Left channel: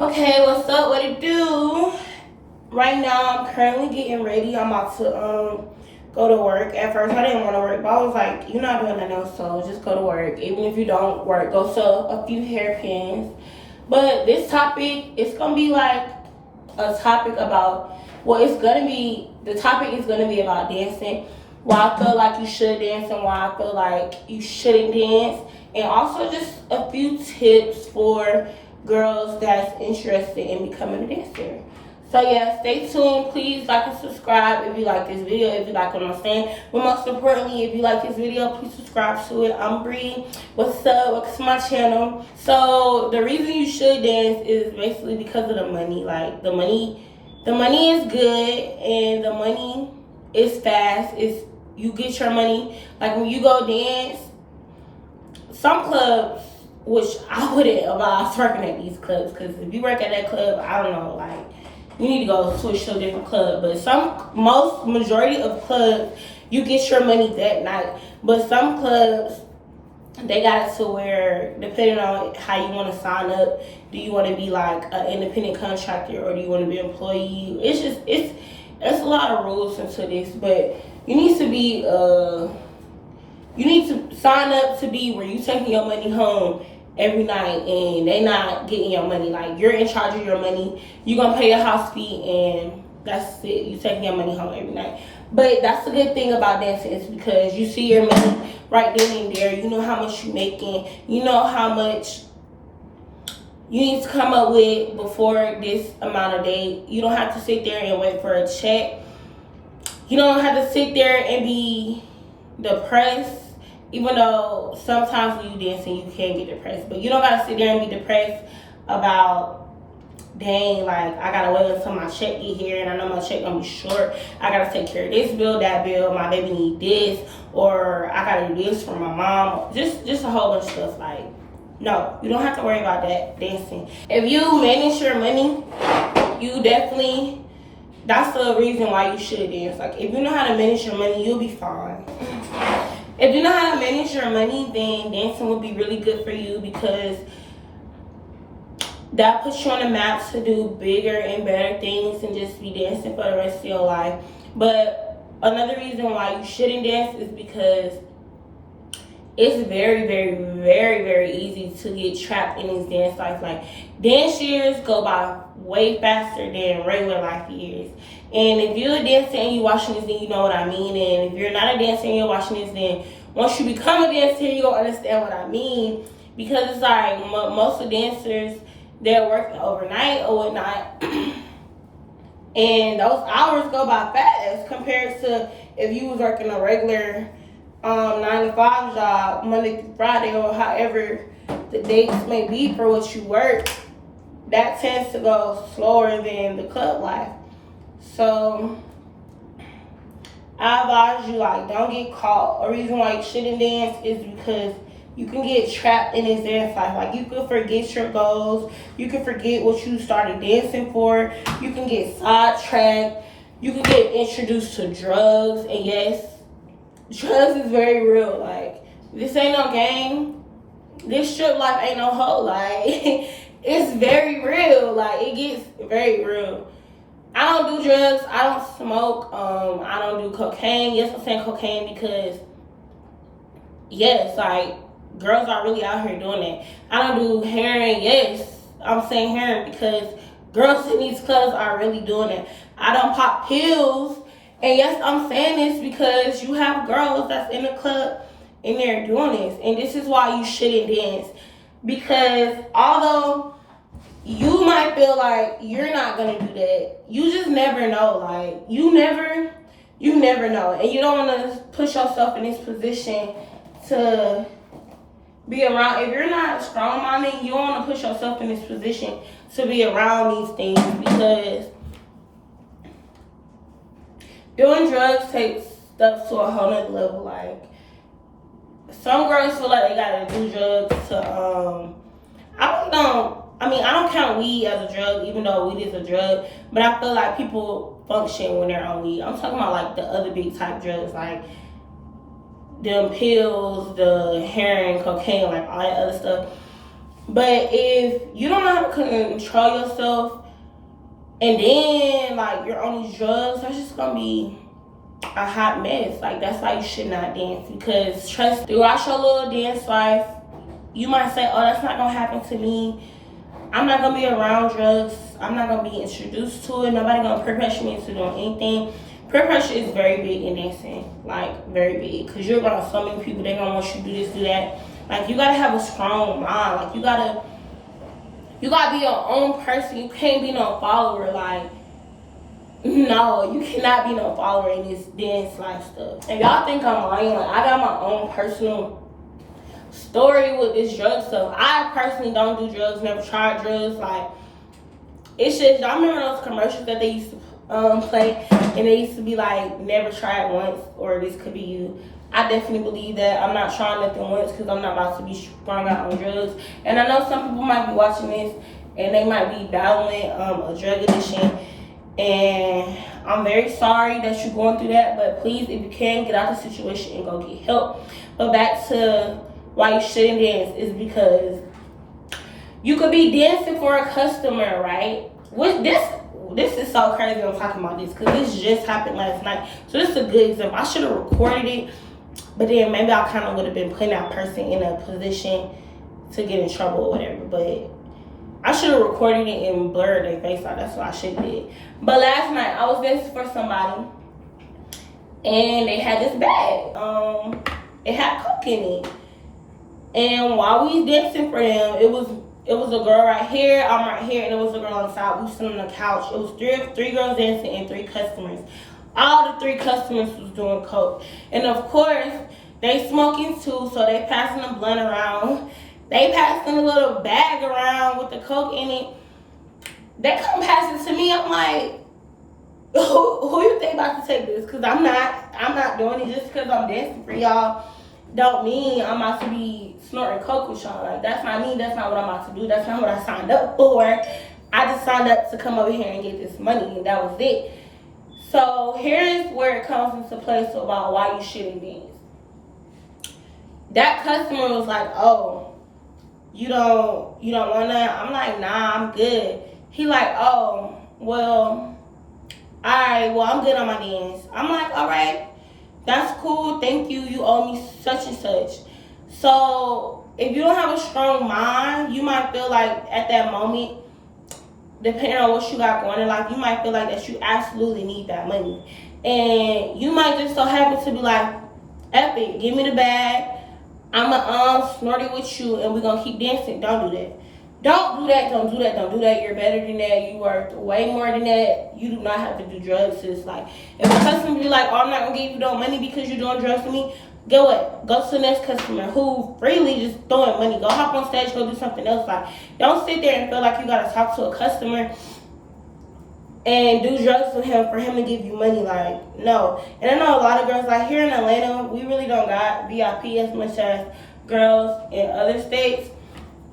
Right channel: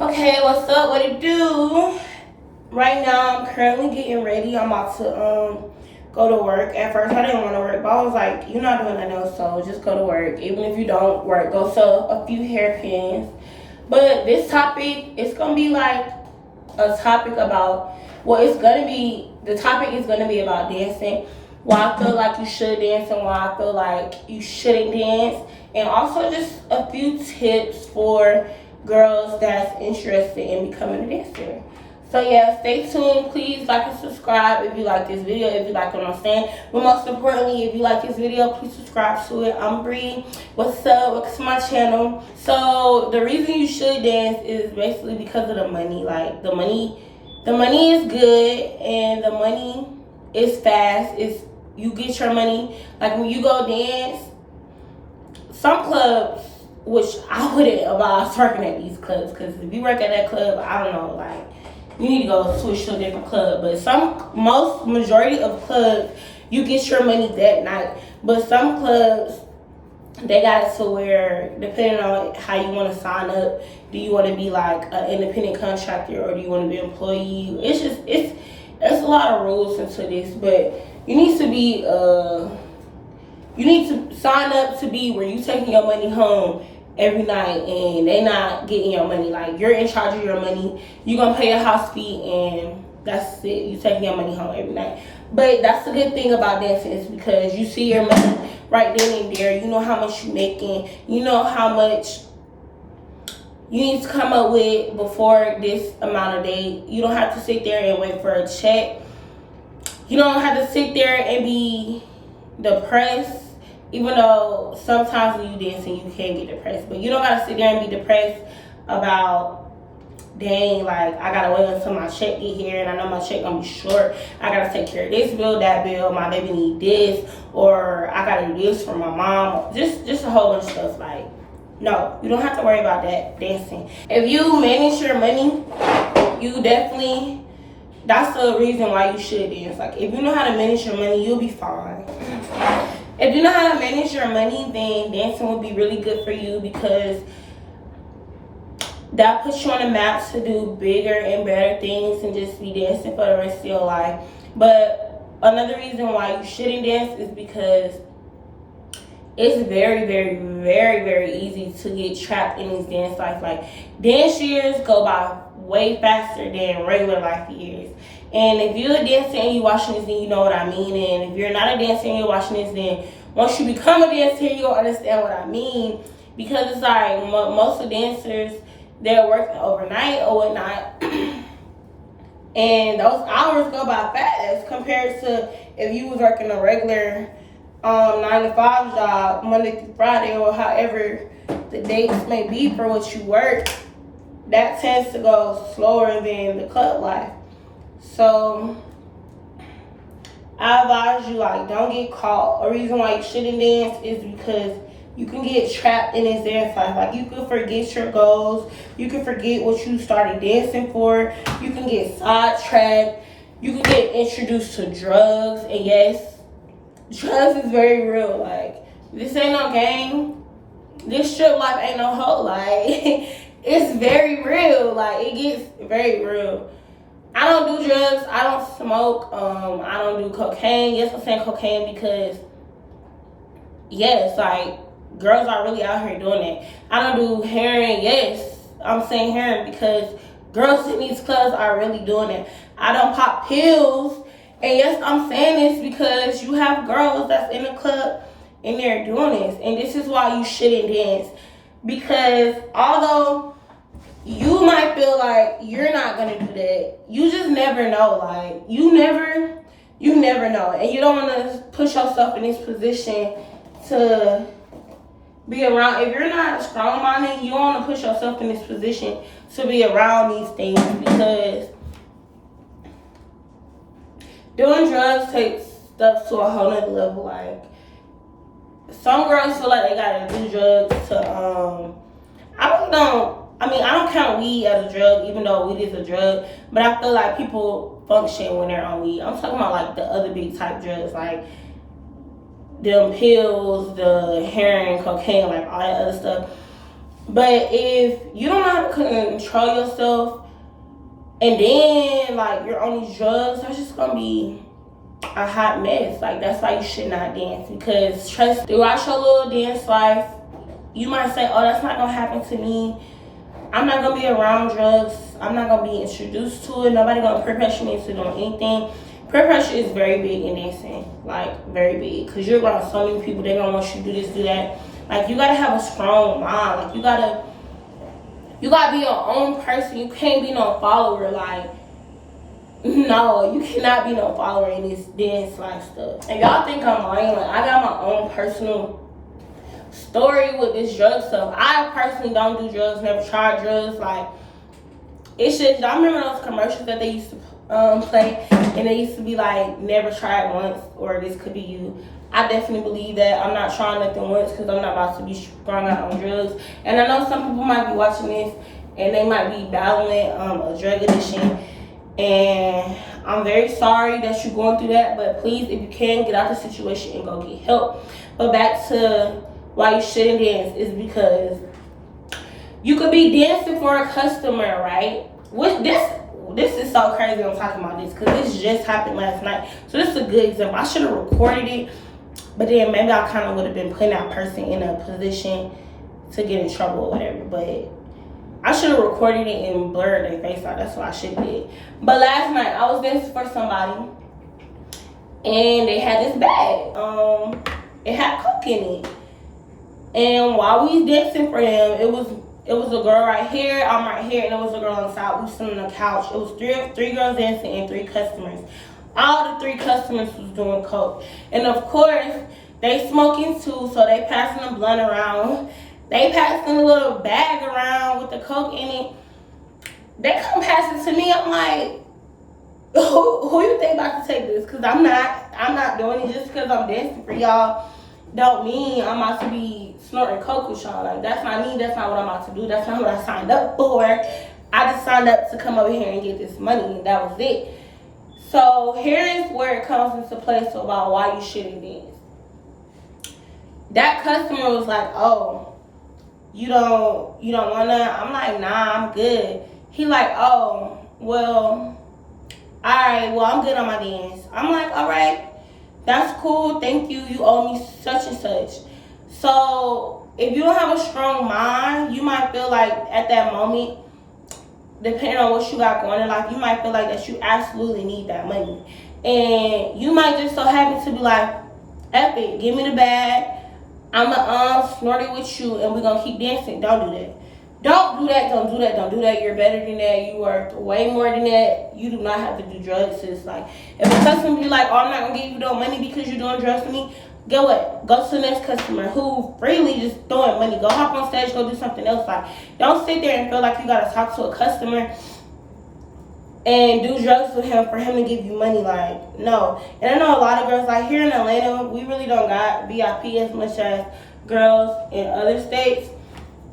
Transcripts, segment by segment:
Okay, what's up? What it do? Right now, I'm currently getting ready. I'm about to go to work. At first, I didn't want to work, but I was like, you're not doing that now, so just go to work. Even if you don't work, go sell a few hairpins. But this topic, it's gonna be like a topic about. Well, it's gonna be the topic is gonna be about dancing. Why I feel like you should dance and why I feel like you shouldn't dance, and also just a few tips for girls that's interested in becoming a dancer. So yeah, stay tuned. Please like and subscribe if you like this video, if you like what I'm saying. But most importantly, if you like this video, please subscribe to it. I'm Bree. What's up? Welcome to my channel. So the reason you should dance is basically because of the money. Like the money is good and the money is fast. It's you get your money. Like when you go dance, some clubs, which I wouldn't advise working at these clubs, because if you work at that club, I don't know, like you need to go switch to a different club. But majority of clubs, you get your money that night. But some clubs, they got it to where, depending on how you want to sign up, do you want to be like an independent contractor or do you want to be an employee? It's a lot of rules into this, but you need to be you need to sign up to be where you taking your money home every night and they not getting your money. Like you're in charge of your money. You gonna pay your house fee and that's it. You taking your money home every night. But that's the good thing about dancing is because you see your money right then and there. You know how much you making. You know how much you need to come up with before this amount of day. You don't have to sit there and wait for a check. You don't have to sit there and be depressed, even though sometimes when you dancing you can get depressed, but you don't gotta sit there and be depressed about, dang, like I gotta wait until my check get here and I know my check gonna be short. I gotta take care of this bill, that bill, my baby need this, or I gotta do this for my mom. Just a whole bunch of stuff. Like, no, you don't have to worry about that dancing. If you manage your money, you definitely, that's the reason why you should dance. Like if you know how to manage your money, you'll be fine. If you know how to manage your money, then dancing will be really good for you because that puts you on the map to do bigger and better things and just be dancing for the rest of your life. But another reason why you shouldn't dance is because it's very, very, very, very easy to get trapped in this dance life. Like dance years go by way faster than regular life years. And if you're a dancer and you're watching this, then you know what I mean. And if you're not a dancer and you're watching this, then once you become a dancer, you'll understand what I mean. Because it's like most of the dancers, they're working overnight or whatnot. And those hours go by fast compared to if you was working a regular 9 to 5 job, Monday through Friday, or however the dates may be for what you work. That tends to go slower than the club life. So I advise you, like, don't get caught. A reason why you shouldn't dance is because you can get trapped in this dance life. Like you can forget your goals. You can forget what you started dancing for. You can get sidetracked. You can get introduced to drugs. And yes, drugs is very real. Like this ain't no game. This strip life ain't no hoe. Like it's very real. Like it gets very real. I don't do drugs. I don't smoke. I don't do cocaine. Yes, I'm saying cocaine because yes, like girls are really out here doing it. I don't do heroin. Yes, I'm saying heroin because girls in these clubs are really doing it. I don't pop pills. And yes, I'm saying this because you have girls that's in the club and they're doing this. And this is why you shouldn't dance. Because although you might feel like you're not gonna do that, you just never know. Like you never know. And you don't wanna push yourself in this position to be around. If you're not strong minded, you don't wanna push yourself in this position to be around these things because doing drugs takes stuff to a whole nother level. Like some girls feel like they gotta do drugs to I don't count weed as a drug, even though weed is a drug, but I feel like people function when they're on weed. I'm talking about like the other big type drugs, like them pills, the heroin, cocaine, like all that other stuff. But if you don't know how to control yourself, and then like you're on these drugs, that's just gonna be a hot mess. Like, that's why you should not dance, because trust, throughout your little dance life, you might say, oh, that's not gonna happen to me. I'm not gonna be around drugs. I'm not gonna be introduced to it. Nobody gonna peer pressure me into doing anything. Peer pressure is very big in dancing, like very big, because you're around so many people. They gonna want you to do this, do that. Like, you gotta have a strong mind. Like, you gotta be your own person. You can't be no follower. Like, no, you cannot be no follower in this dance life stuff. If y'all think I'm lying, like, I got my own personal story with this drug stuff. I personally don't do drugs, never tried drugs. Like, it's just, I remember those commercials that they used to play, and they used to be like, never try it once, or this could be you. I definitely believe that. I'm not trying nothing once, because I'm not about to be sprung out on drugs. And I know some people might be watching this and they might be battling a drug addiction, and I'm very sorry that you're going through that. But please, if you can, get out the situation and go get help. But back to why you shouldn't dance is because you could be dancing for a customer, right? Which this is so crazy I'm talking about this, because this just happened last night. So this is a good example. I should have recorded it, but then maybe I kind of would have been putting that person in a position to get in trouble or whatever. But I should have recorded it and blurred their face out. That's what I should have did. But last night I was dancing for somebody, and they had this bag. It had coke in it. And while we was dancing for them, it was a girl right here, I'm right here, and it was a girl on the side. We was sitting on the couch. It was three girls dancing and 3 customers. All the 3 customers was doing coke. And of course, they smoking too, so they passing the blunt around. They passing a little bag around with the coke in it. They come pass it to me. I'm like, who you think about to take this? Because I'm not doing it just because I'm dancing for y'all. Don't mean I'm about to be snorting coke with y'all. Like, that's not me. That's not what I'm about to do. That's not what I signed up for. I just signed up to come over here and get this money, and that was it. So here is where it comes into play about why you shouldn't dance. That customer was like, oh, you don't wanna? I'm like, nah, I'm good. He like, oh, well, alright, well, I'm good on my dance. I'm like, alright, that's cool, thank you, you owe me such and such. So if you don't have a strong mind, you might feel like at that moment, depending on what you got going in life, you might feel like that you absolutely need that money. And you might just so happen to be like, F it, give me the bag, I'ma snort it with you, and we're gonna keep dancing. Don't do that. Don't do that, don't do that, don't do that. You're better than that. You are way more than that. You do not have to do drugs. It's like, if a customer be like, oh, I'm not gonna give you no money because you're doing drugs to me, get what? Go to the next customer who freely just throwing money. Go hop on stage, go do something else. Like, don't sit there and feel like you gotta talk to a customer and do drugs with him for him to give you money. Like, no. And I know a lot of girls, like here in Atlanta, we really don't got VIP as much as girls in other states.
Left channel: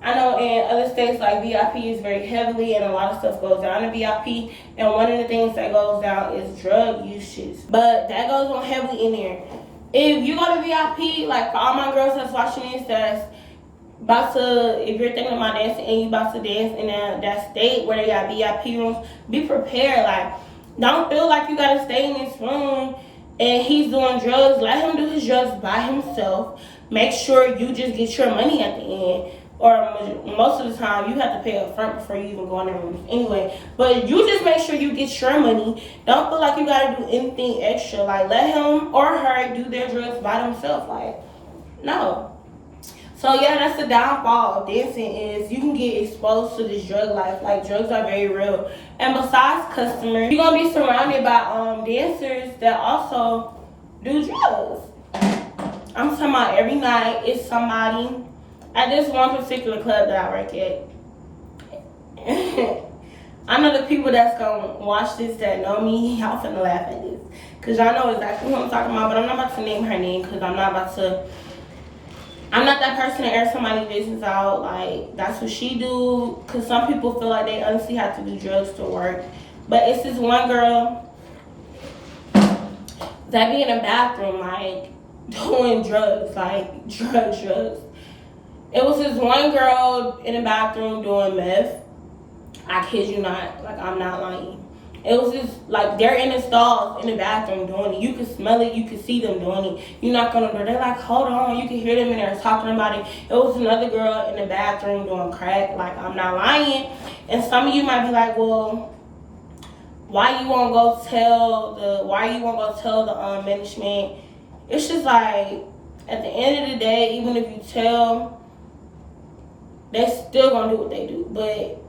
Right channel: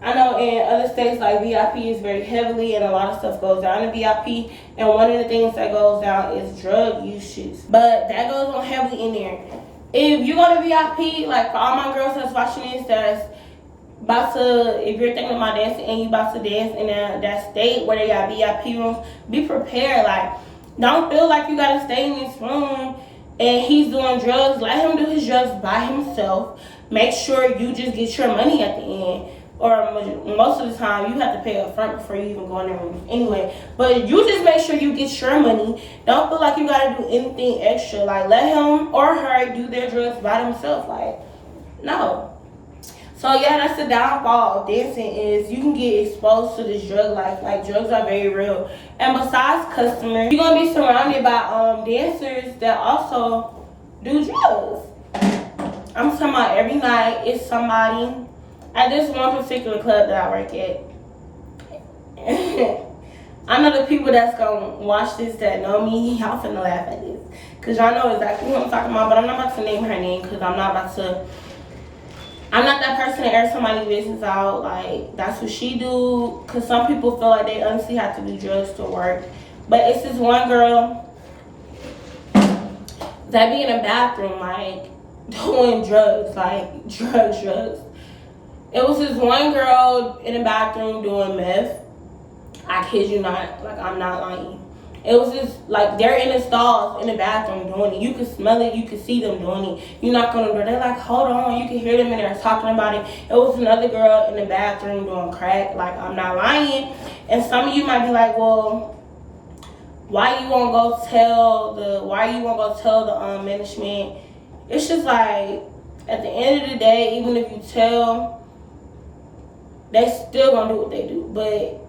I know in other states, like, VIP is very heavily, and a lot of stuff goes down in VIP. And one of the things that goes down is drug usage. But that goes on heavily in there. If you go to VIP, like for all my girls that's watching this, that's about to, if you're thinking about dancing and you about to dance in that state where they got VIP rooms, be prepared. Like, don't feel like you gotta stay in this room and he's doing drugs. Let him do his drugs by himself. Make sure you just get your money at the end. Or most of the time, you have to pay up front before you even go in the rooms anyway. But you just make sure you get your money. Don't feel like you gotta do anything extra. Like, let him or her do their drugs by themselves. Like, no. So yeah, that's the downfall of dancing, is you can get exposed to this drug life. Like, drugs are very real. And besides customers, you're gonna be surrounded by dancers that also do drugs. I'm talking about every night it's somebody at this one particular club that I work at. I know the people that's gonna watch this that know me, y'all finna laugh at this, cause y'all know exactly who I'm talking about. But I'm not about to name her name, cause I'm not that person to air somebody's business out. Like, that's what she do. Cause some people feel like they honestly have to do drugs to work. But it's this one girl that be in a bathroom, like, doing drugs, like drugs. It was this one girl in the bathroom doing meth. I kid you not. Like, I'm not lying. It was just like they're in the stalls in the bathroom doing it. You can smell it. You can see them doing it. You knock on the door. They're like, hold on. You can hear them in there talking about it. It was another girl in the bathroom doing crack. Like, I'm not lying. And some of you might be like, well, why you won't go tell the management? It's just like, at the end of the day, even if you tell, they still gonna do what they do. But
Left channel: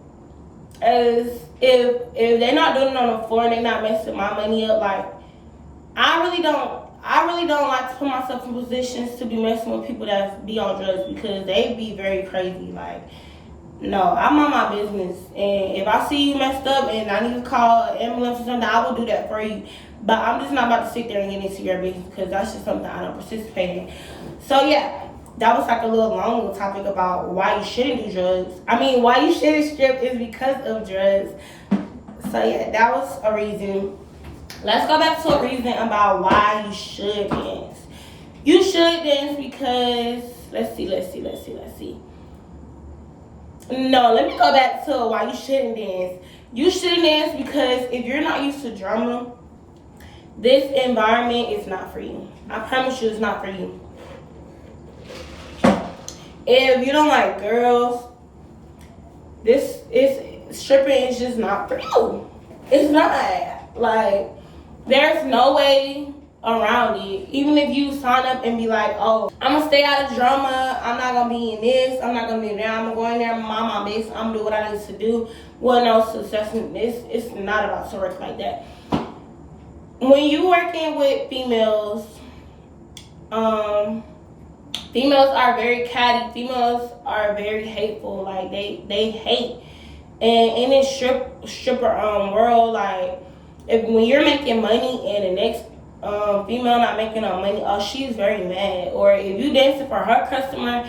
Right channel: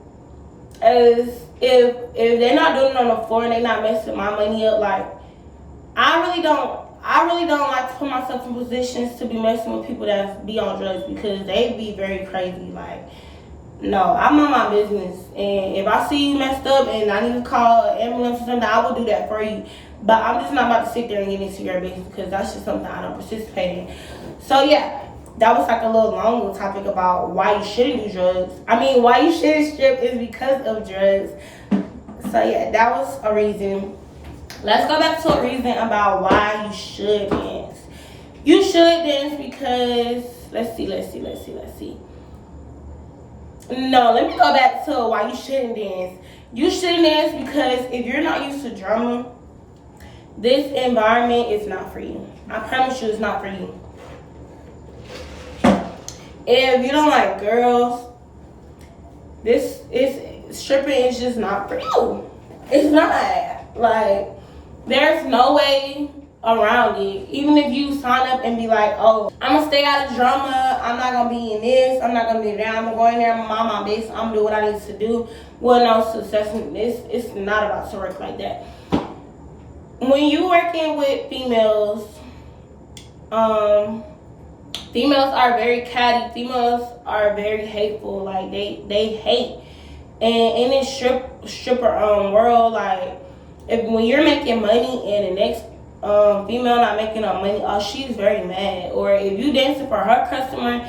as if they're not doing it on the floor and they're not messing my money up, like, I really don't like to put myself in positions to be messing with people that be on drugs, because they be very crazy. Like, no, I'm on my business, and if I see you messed up and I need to call an ambulance or something, I will do that for you. But I'm just not about to sit there and get into your business, because that's just something I don't participate in. So yeah, that was like a little long little topic about why you shouldn't do drugs. I mean, why you shouldn't strip is because of drugs. So yeah, that was a reason. Let's go back to a reason about why you should dance. You should dance because, let's see. No, let me go back to why you shouldn't dance. You shouldn't dance because if you're not used to drama, this environment is not for you. I promise you, it's not for you. If you don't like girls, stripping is just not for you. It's not. Like, there's no way around it. Even if you sign up and be like, oh, I'm gonna stay out of drama, I'm not gonna be in this, I'm not gonna be there, I'm gonna go in there, I'm gonna mind my business, I'm gonna do what I need to do. Well, no, success, it's not about to work like that. When you working with females, females are very catty. Females are very hateful. Like, they hate. And in this stripper world, like, when you're making money and the next female not making no money, oh, she's very mad. Or if you dancing for her customer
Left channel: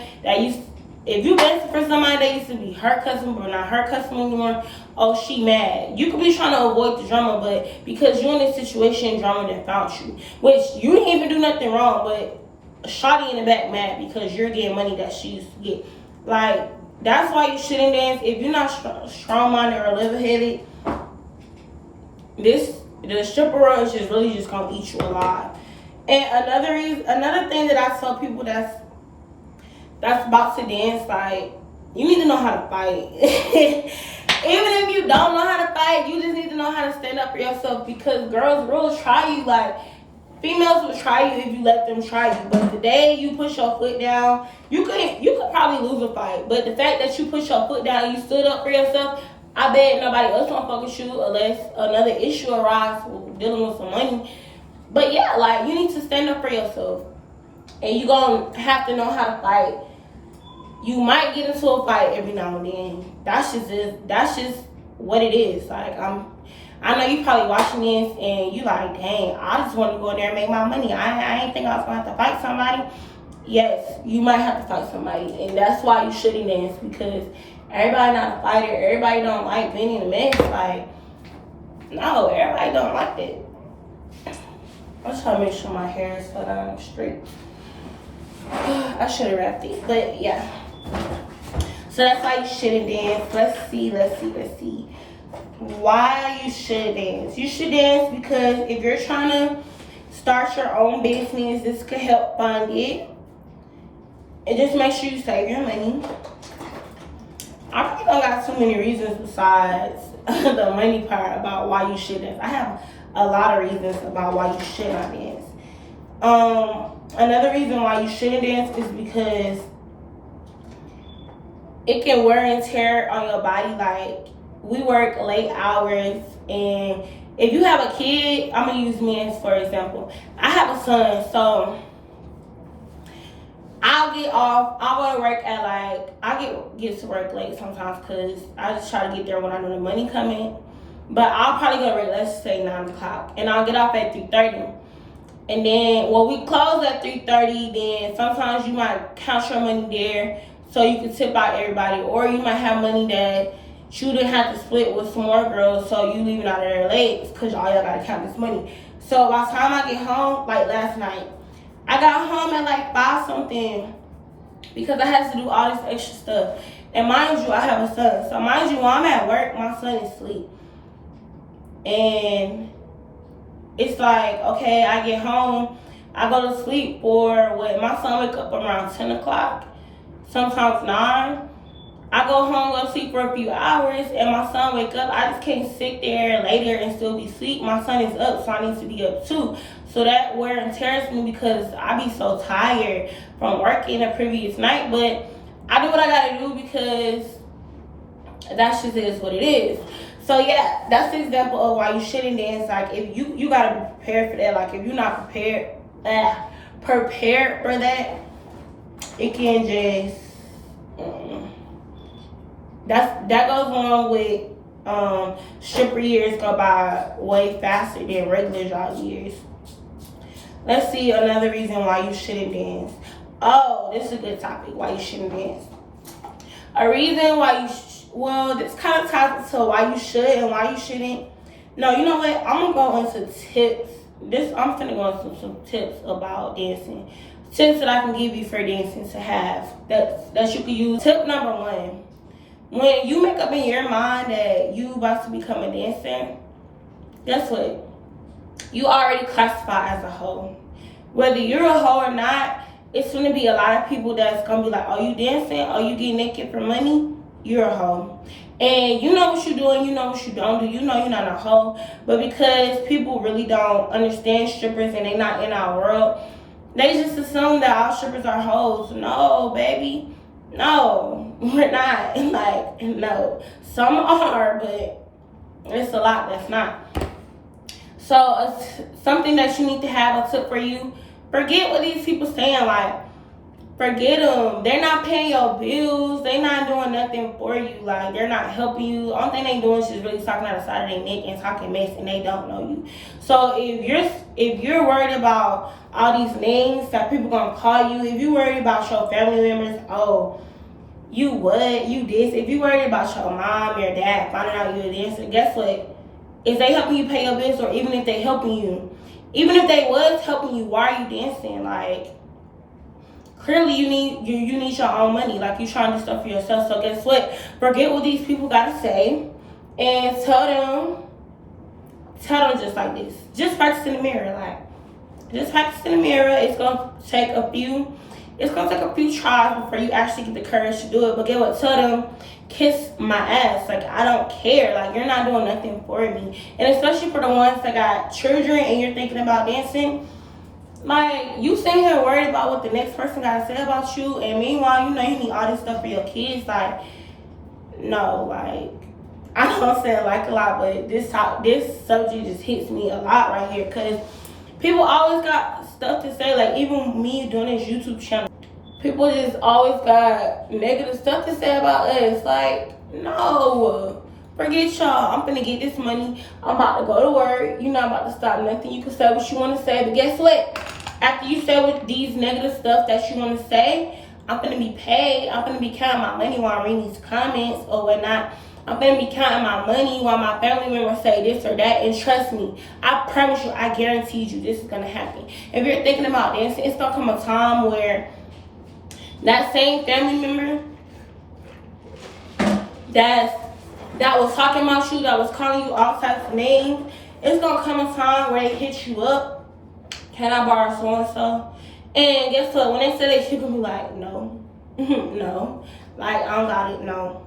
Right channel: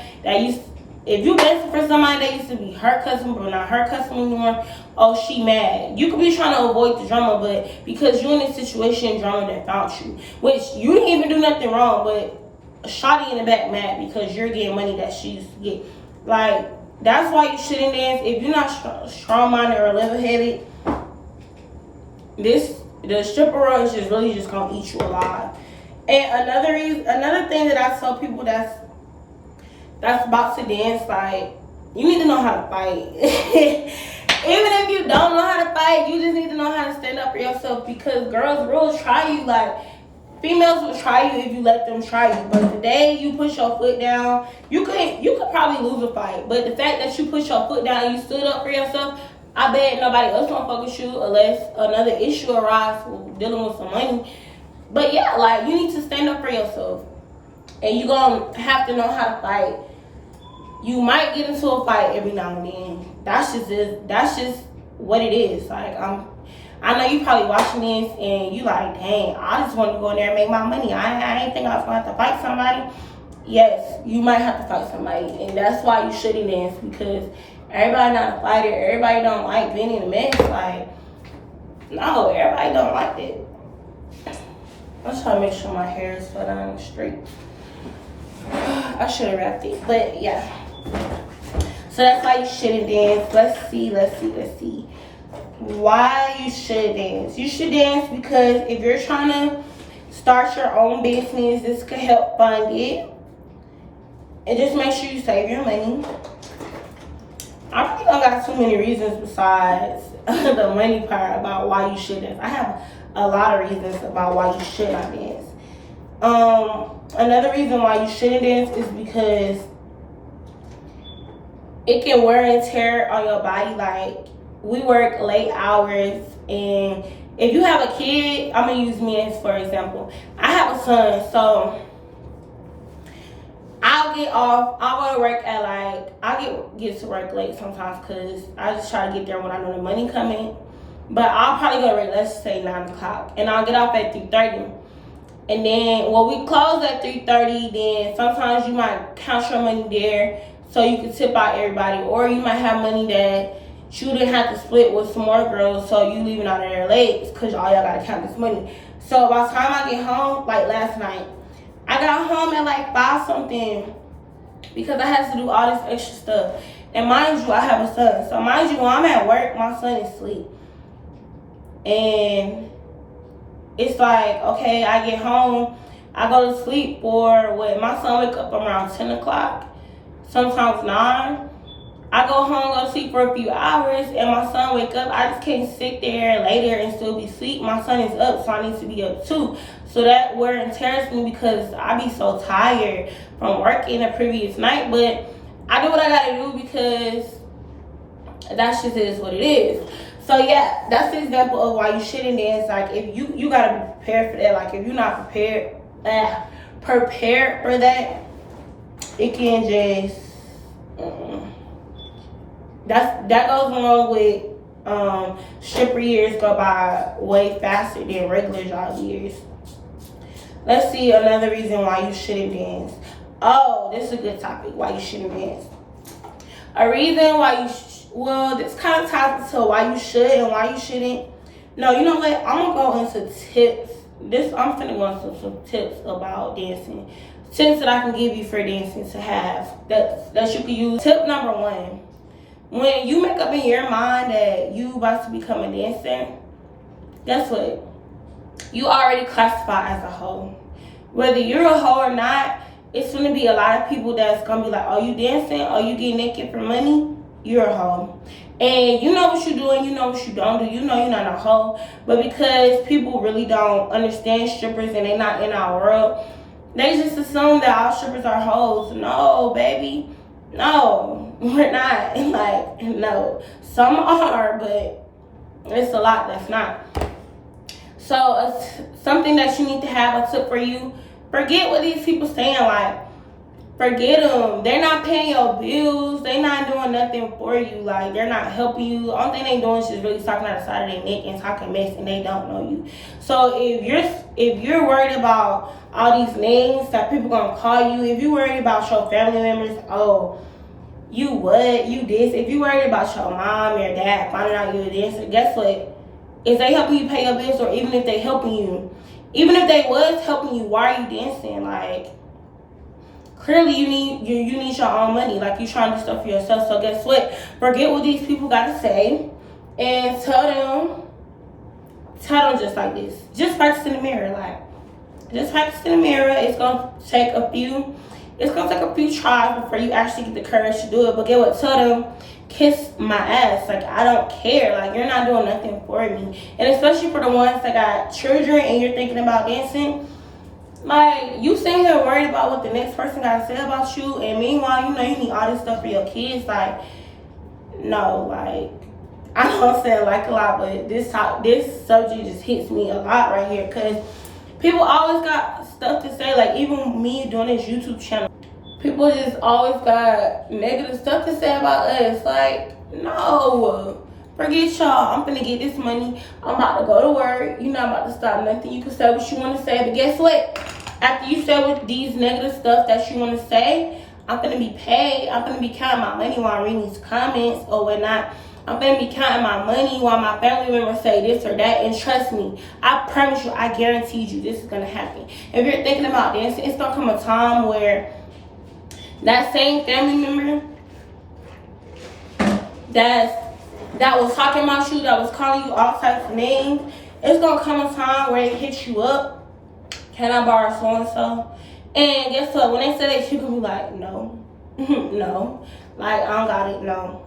if you dancing for somebody that used to be her customer but not her customer anymore, oh, she mad. You could be trying to avoid the drama, but because you're in this situation, drama that found you, which you didn't even do nothing wrong, but shawty in the back mad because you're getting money that she used to get. Like, that's why you shouldn't dance. If you're not strong-minded or level-headed, the stripper world is just really just gonna eat you alive. And another thing that I tell people that's about to dance, like, you need to know how to fight. Even if you don't know how to fight, you just need to know how to stand up for yourself, because girls will try you. Like, females will try you if you let them try you. But the day you push your foot down, you could probably lose a fight. But the fact that you put your foot down and you stood up for yourself, I bet nobody else won't fuck with you unless another issue arises dealing with some money. But yeah, like, you need to stand up for yourself. And you gonna have to know how to fight. You might get into a fight every now and then. That's just what it is. Like, I know you probably watching this and you like, dang, I just want to go in there and make my money. I ain't think I was going to have to fight somebody. Yes, you might have to fight somebody. And that's why you shouldn't dance, because everybody not a fighter. Everybody don't like being in a mess. Like, no, everybody don't like that. I'm trying to make sure my hair is put on straight. I should have wrapped it. But yeah. So that's why you shouldn't dance. Let's see. Why you should dance. You should dance because if you're trying to start your own business, this could help fund it. And just make sure you save your money. I really don't got too many reasons besides the money part about why you should dance. I have a lot of reasons about why you should not dance. Another reason why you shouldn't dance is because it can wear and tear on your body. Like, we work late hours, and if you have a kid, I'm gonna use me as for example. I have a son, so I'll get off. I'll go to work at I get to work late sometimes because I just try to get there when I know the money coming. But I'll probably go to work, let's say 9 o'clock, and I'll get off at 3:30. And then we close at 3:30. Then sometimes you might count your money there, so you can tip out everybody, or you might have money that you didn't have to split with some more girls, so you leaving out of there late because all y'all gotta count this money. So by the time I get home, like last night, I got home at like 5 something, because I have to do all this extra stuff. And mind you, I have a son. So mind you, when I'm at work, my son is asleep. And it's like, okay, I get home, I go to sleep for what? My son wake up around 10 o'clock, sometimes 9. I go home, go to sleep for a few hours, and my son wake up. I just can't sit there and lay there and still be asleep. My son is up, so I need to be up too. So that wear and tears me because I be so tired from working the previous night. But I do what I gotta do because that just is what it is. So yeah, that's the example of why you shouldn't dance. Like if you gotta be prepared for that. Like if you're not prepared for that, it can just that goes along with stripper years go by way faster than regular job years. Let's see another reason why you shouldn't dance. Oh, this is a good topic. Why you shouldn't dance. A reason why you well, this kind of ties to why you should and why you shouldn't. No, you know what? I'm gonna go into tips. I'm finna go into some tips about dancing. Tips that I can give you for dancing to have that you can use. Tip number 1: when you make up in your mind that you about to become a dancer, guess what? You already classify as a hoe. Whether you're a hoe or not, it's gonna be a lot of people that's gonna be like, "Oh, you dancing? Oh, you getting naked for money? You're a hoe." And you know what you're doing, you know what you don't do, you know you're not a hoe. But because people really don't understand strippers and they're not in our world, they just assume that all strippers are hoes. No, baby. No, we're not. Like, no. Some are, but it's a lot that's not. So something that you need to have, a tip for you, forget what these people saying. Like, forget them. They're not paying your bills. They're not doing nothing for you. Like, they're not helping you. The only thing they doing is just really talking out the side of their neck and talking mess, and they don't know you. So if you're worried about all these names that people gonna call you, if you worried about your family members, oh, you what? You this. If you worried about your mom, your dad finding out you a dancer, guess what? Is they helping you pay your bills, or even if they helping you, even if they was helping you, why are you dancing? Like, clearly you need your own money. Like, you trying to do stuff for yourself. So guess what? Forget what these people gotta say and tell them just like this. Just practice in the mirror. Like, just practice in the mirror. It's gonna take a few tries before you actually get the courage to do it. But get what? Tell them, kiss my ass. Like, I don't care. Like, you're not doing nothing for me. And especially for the ones that got children and you're thinking about dancing, like, you sitting here worried about what the next person got to say about you, and meanwhile, you know you need all this stuff for your kids. Like, no, like, I know I'm saying like a lot, but this subject just hits me a lot right here, because people always got stuff to say. Like, even me doing this YouTube channel, people just always got negative stuff to say about us. Like, no, forget y'all. I'm finna get this money. I'm about to go to work. You're not about to stop nothing. You can say what you want to say, but guess what? After you say with these negative stuff that you want to say, I'm finna be paid. I'm finna be counting my money while I'm reading these comments or whatnot. I'm finna be counting my money while my family members say this or that. And trust me, I promise you, I guarantee you, this is gonna happen. If you're thinking about dancing, it's gonna come a time where that same family member that was talking about you, that was calling you all types of names, it's gonna come a time where they hit you up. Can I borrow so and so? And guess what? When they say that, you can be like, no, no, like, I don't got it, no.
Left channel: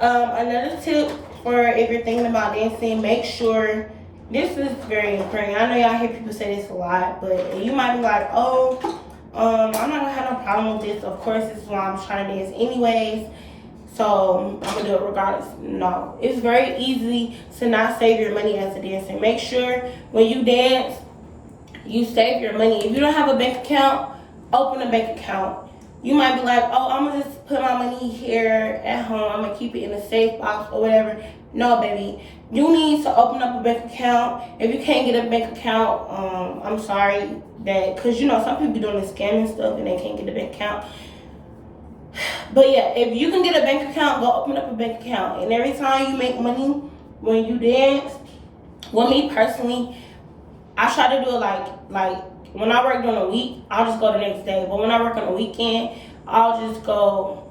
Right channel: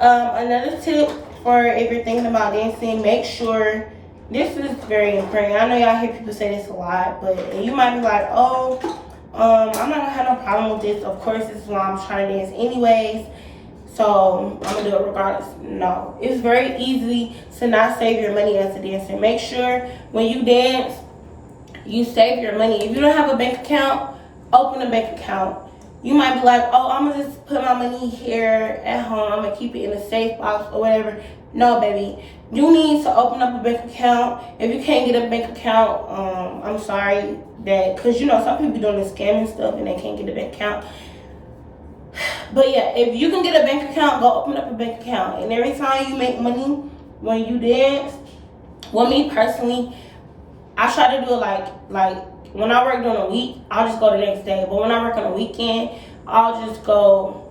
Another tip for if you're thinking about dancing, make sure, this is very important. I know y'all hear people say this a lot, but you might be like, oh, I'm not gonna have no problem with this. Of course, this is why I'm trying to dance anyways, so I'm gonna do it regardless. No, it's very easy to not save your money as a dancer. Make sure when you dance, you save your money. If you don't have a bank account, open a bank account. You might be like, oh, I'm gonna just put my money here at home. I'm gonna keep it in a safe box or whatever. No, baby. You need to open up a bank account. If you can't get a bank account, I'm sorry that, because you know some people be doing this scamming stuff and they can't get a bank account. But yeah, if you can get a bank account, go open up a bank account. And every time you make money when you dance, well, me personally, I try to do it like when I work during the week, I'll just go the next day. But when I work on the weekend, I'll just go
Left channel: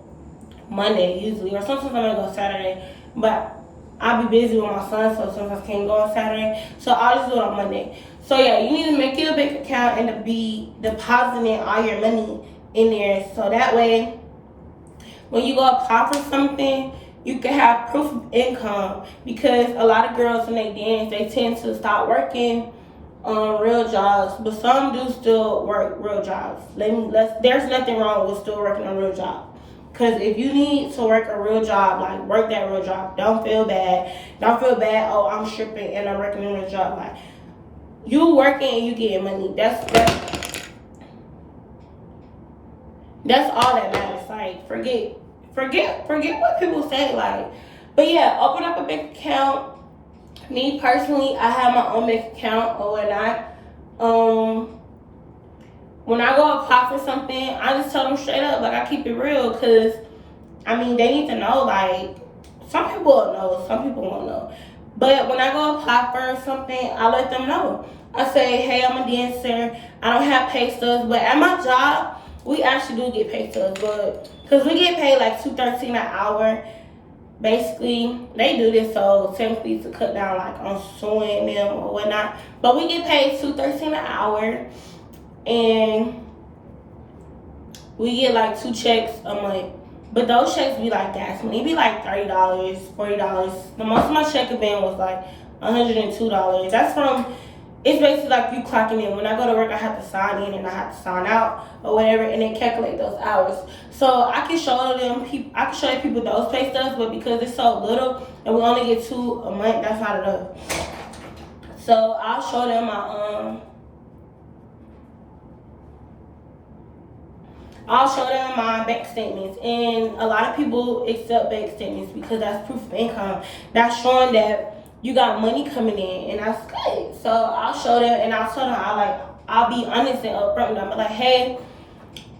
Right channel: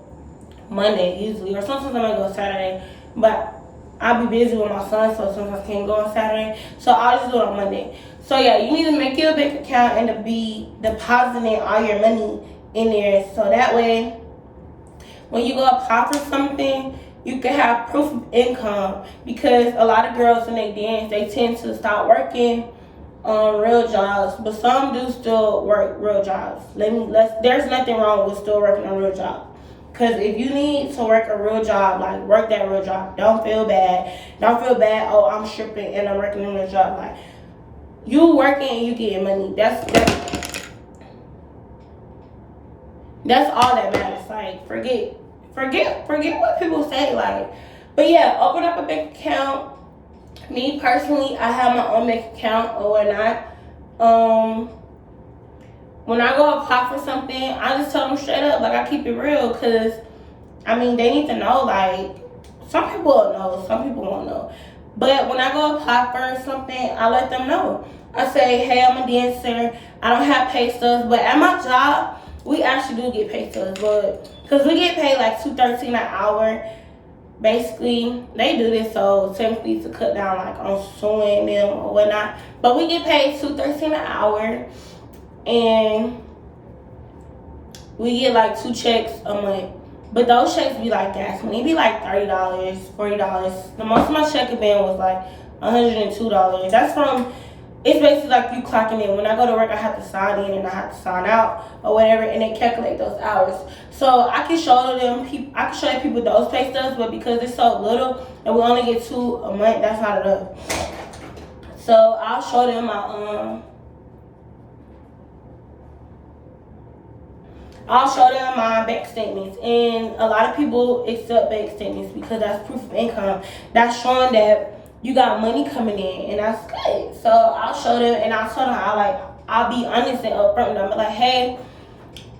Monday usually, or sometimes I might go Saturday. But I'll be busy with my son, so sometimes I can't go on Saturday. So I'll just do it on Monday. So yeah, you need to make your bank account and to be depositing all your money in there, so that way when you go apply for something, you can have proof of income. Because a lot of girls when they dance, they tend to stop working on real jobs, but some do still work real jobs. There's nothing wrong with still working a real job. Because if you need to work a real job, like, work that real job. Don't feel bad. Don't feel bad, oh, I'm stripping and I'm working a real job. Like, you working and you getting money. That's all that matters. Like, forget what people say. Like, but yeah, open up a bank account. Me personally, I have my own bank account or whatnot. When I go apply for something, I just tell them straight up. Like, I keep it real, because I mean, they need to know. Like, some people will know, some people won't know. But when I go apply for something, I let them know. I say, hey, I'm a dancer. I don't have pay stubs, but at my job, we actually do get pay stubs, but because we get paid like $2.13 an hour. Basically, they do this so technically to cut down like on suing them or whatnot. But we get paid $2.13 an hour, and we get like 2 checks a month. But those checks be like gas money. It be like $30, $40. The most of my check have been was like $102. That's from, it's basically like you clocking in. When I go to work, I have to sign in and I have to sign out or whatever, and they calculate those hours. So I can show them people those pay stubs, but because it's so little and we only get 2 a month, that's not enough. So I'll show them my bank statements, and a lot of people accept bank statements because that's proof of income. That's showing that you got money coming in, and that's good. So I'll show them, and I'll tell them, I'll be honest and upfront with them. I'm like, hey,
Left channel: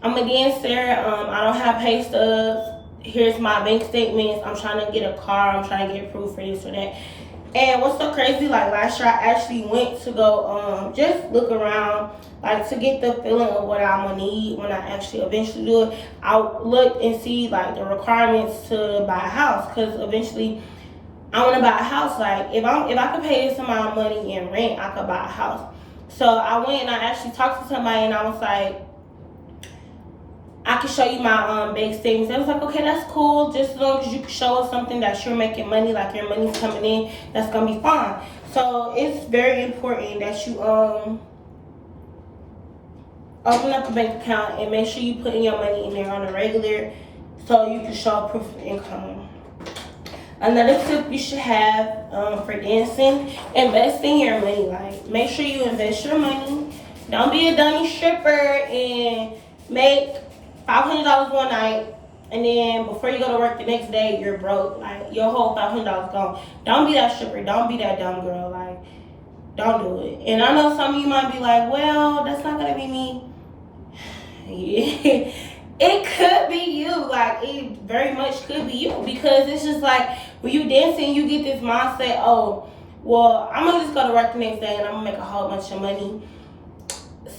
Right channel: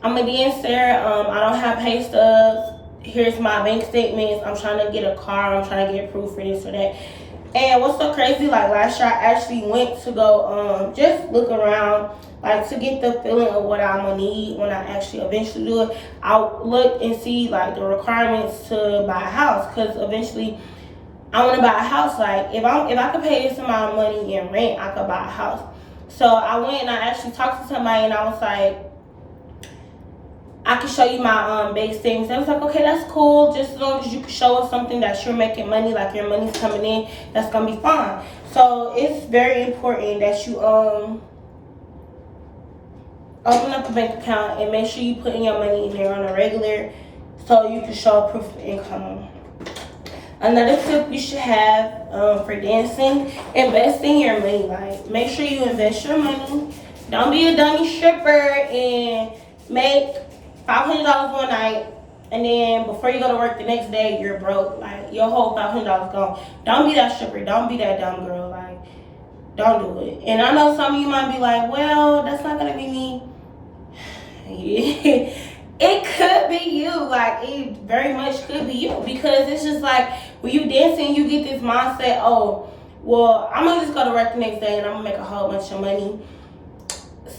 I'm a dancer. I don't have pay stubs. Here's my bank statements. I'm trying to get a car. I'm trying to get proof for this or that. And what's so crazy, like last year I actually went to go just look around, like to get the feeling of what I'm gonna need when I actually eventually do it. I'll look and see like the requirements to buy a house, because eventually I want to buy a house. Like, if I could pay this amount of money in rent, I could buy a house. So I went and I actually talked to somebody, and I was like, I can show you my bank statements. I was like, okay, that's cool. Just as long as you can show us something that you're making money, like your money's coming in, that's gonna be fine. So it's very important that you open up a bank account and make sure you put in your money in there on a regular, so you can show proof of income. Another tip you should have for dancing, invest in your money. Like, make sure you invest your money. Don't be a dummy stripper and make $500 one night, and then before you go to work the next day, you're broke. Like, your whole $500 gone. Don't be that stripper. Don't be that dumb girl. Like, don't do it. And I know some of you might be like, well, that's not gonna be me. It could be you. Like, it very much could be you, because it's just like when you dancing, you get this mindset, oh, well, I'm gonna just go to work the next day and I'm gonna make a whole bunch of money.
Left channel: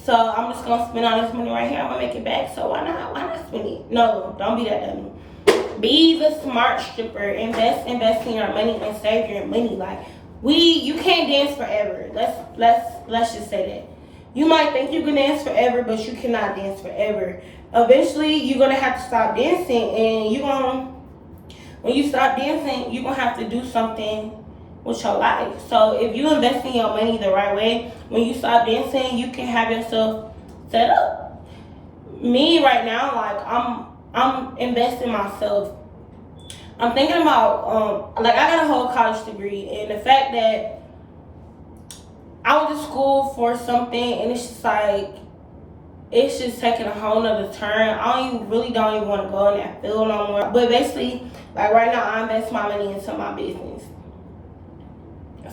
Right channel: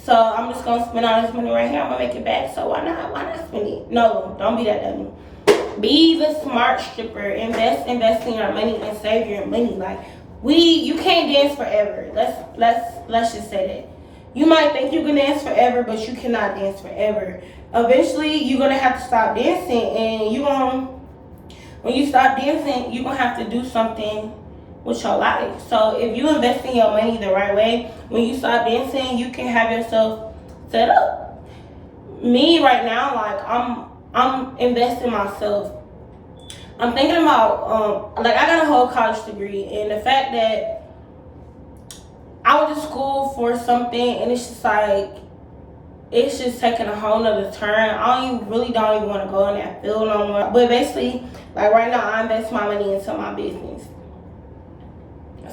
So I'm just gonna spend all this money right here. I'm gonna make it back. So why not spend it? No, don't be that dummy. Be the smart stripper. Invest in your money and save your money. Like, you can't dance forever. Let's just say that. You might think you can dance forever, but you cannot dance forever. Eventually, you're gonna have to stop dancing, and when you stop dancing, you're gonna have to do something with your life. So if you invest in your money the right way, when you stop dancing, you can have yourself set up. Me right now, like, I'm investing myself. I'm thinking about like, I got a whole college degree, and the fact that I went to school for something, and it's just like, it's just taking a whole nother turn. I don't even want to go in that field no more. But basically, like right now, I invest my money into my business.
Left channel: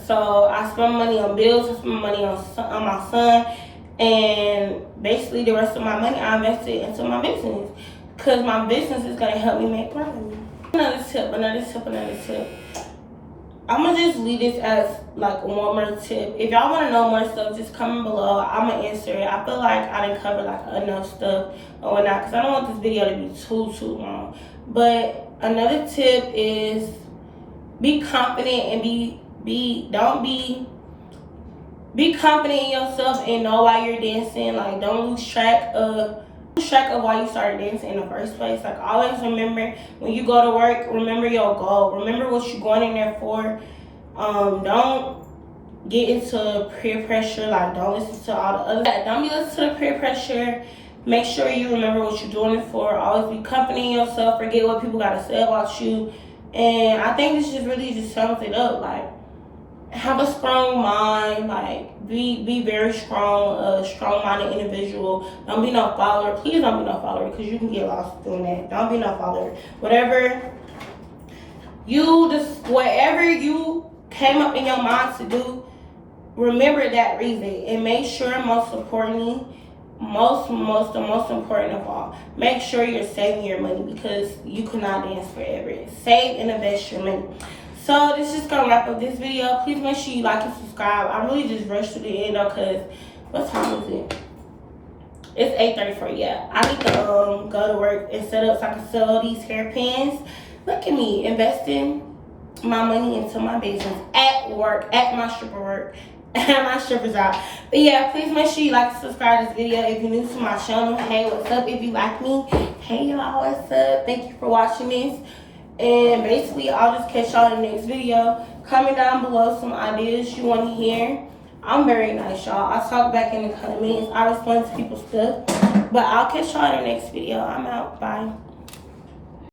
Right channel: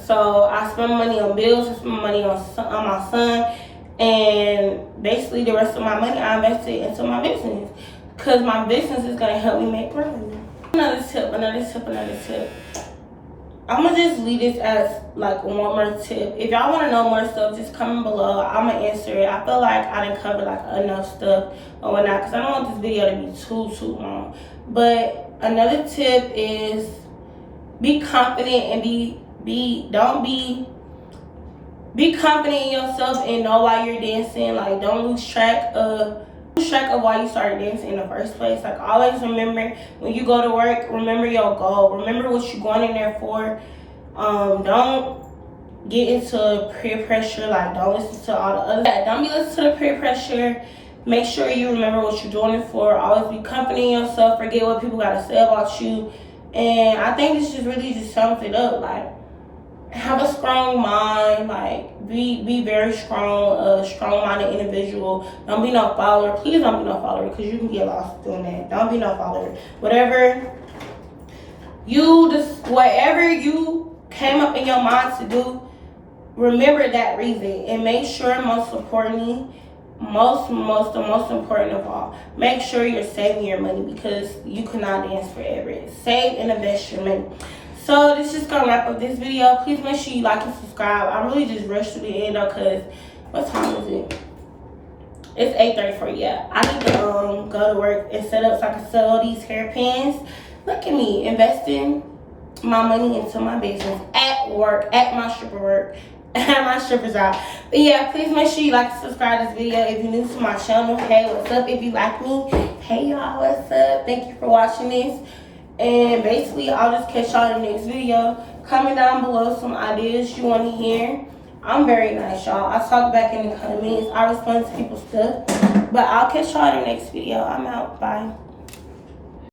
So I spend money on bills, I spend money on my son, and basically the rest of my money I invest it into my business, because my business is gonna help me make money. Another tip. I'm gonna just leave this as like one more tip. If y'all want to know more stuff, just comment below. I'm gonna answer it. I feel like I didn't cover like enough stuff or whatnot, because I don't want this video to be too long. But another tip is be confident and be confident in yourself and know why you're dancing. Like, don't lose track of why you started dancing in the first place. Like, always remember when you go to work, remember your goal. Remember what you're going in there for. Don't get into peer pressure. Like, don't listen to all the other. Don't be listening to the peer pressure. Make sure you remember what you're doing it for. Always be confident in yourself. Forget what people gotta say about you. And I think this just really just sums it up. Like, have a strong mind. Like, be very strong, a strong-minded individual. Don't be no follower. Please don't be no follower, because you can get lost doing that. Don't be no follower. Whatever you came up in your mind to do, remember that reason, and make sure, most importantly, the most important of all, make sure you're saving your money, because you cannot dance forever. Save and invest your money. So this is gonna wrap up this video. Please make sure you like and subscribe. I really just rushed through the end though, because what time is it? It's 8:34. Yeah, I need to go to work and set up so I can sell these hairpins. Look at me investing my money into my business at work, at my stripper work, at my stripper job. But yeah, please make sure you like and subscribe to this video. If you're new to my channel, hey, what's up? If you like me, hey y'all, what's up? Thank you for watching this. And basically, I'll just catch y'all in the next video. Comment down below some ideas you want to hear. I'm very nice, y'all. I talk back in the comments. I respond to people's stuff. But I'll catch y'all in the next video. I'm out. Bye.